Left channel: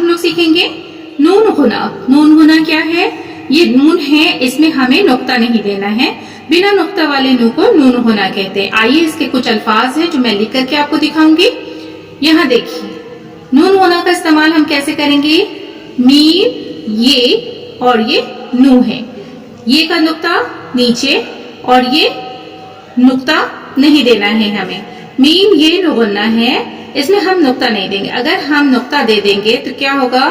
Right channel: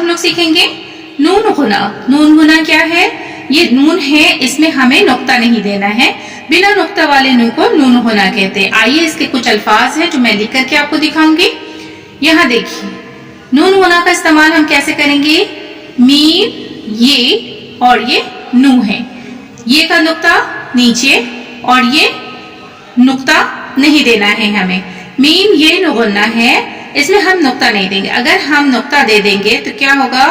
हम लोग सीखेंगे नून गुना। नून गुना क्या है? ये नून है, इसमें हमें नुक्ता नहीं देना है, बिना नुक्ता वाले नून को नून गुना कहते हैं। आइए इसके कुछ अल्फाज हैं जो मैं लिख करके आपको दिखाऊंगी। यहाँ देखिए, नून गुना का इस्तेमाल हम कैसे करेंगे? मीम, ये और ये नू है, ये का नुक्ता नीचे और ये नुक्ता नहीं देना है हमें। मीम ये नू गुन्ना है, इसमें हम नुक्ता नहीं देंगे। अगर हम नुक्ता दे देंगे तो क्या होगा?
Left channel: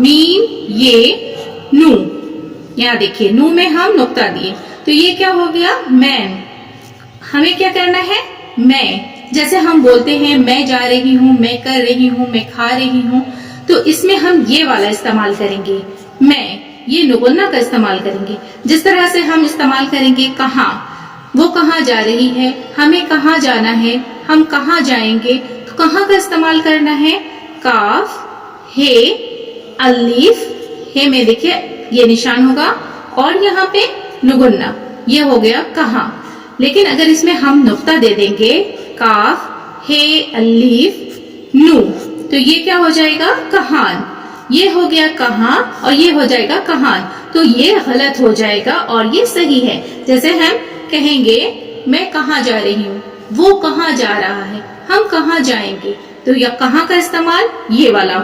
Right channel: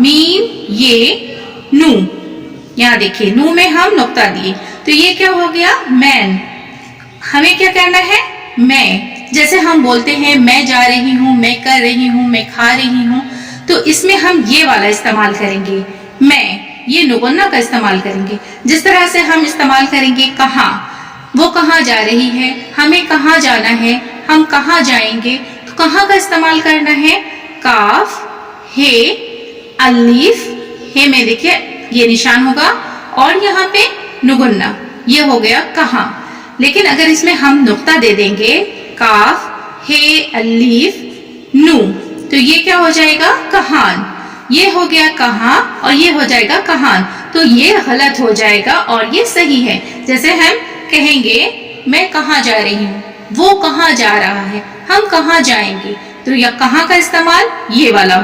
मीम ये नू, यहाँ देखिए नू में हम नुक्ता दिए तो ये क्या हो गया? मैन। हमें क्या करना है? मैं। जैसे हम बोलते हैं मैं जा रही हूँ, मैं कर रही हूँ, मैं खा रही हूँ, तो इसमें हम ये वाला इस्तेमाल करेंगे, मैं, ये नुगुन्ना का इस्तेमाल करेंगे। जिस तरह से हम इस्तेमाल करेंगे कहाँ, वो कहाँ जा रही है, हमें कहाँ जाना है, हम कहाँ जाएंगे, तो कहाँ का इस्तेमाल करना है? काफ, हे, अलीफ, हे में देखिए ये निशान होगा और यहाँ पे नुगुन्ना, ये हो गया कहाँ। लेकिन अगर इसमें हम नुक्ता दे देंगे काफ, हे, अलीफ, नू, तो ये क्या हो जाएगा? कहान। ये हो गया कहाँ और ये हो जाएगा कहान, तो ये गलत हो जाएगा और ये सही है। जैसे हम कहेंगे मैं कहाँ जा रही हूँ, वो कहाँ जा रहा है, हम कहाँ जाएंगे, तो यह कहाँ का इस्तेमाल ये वाला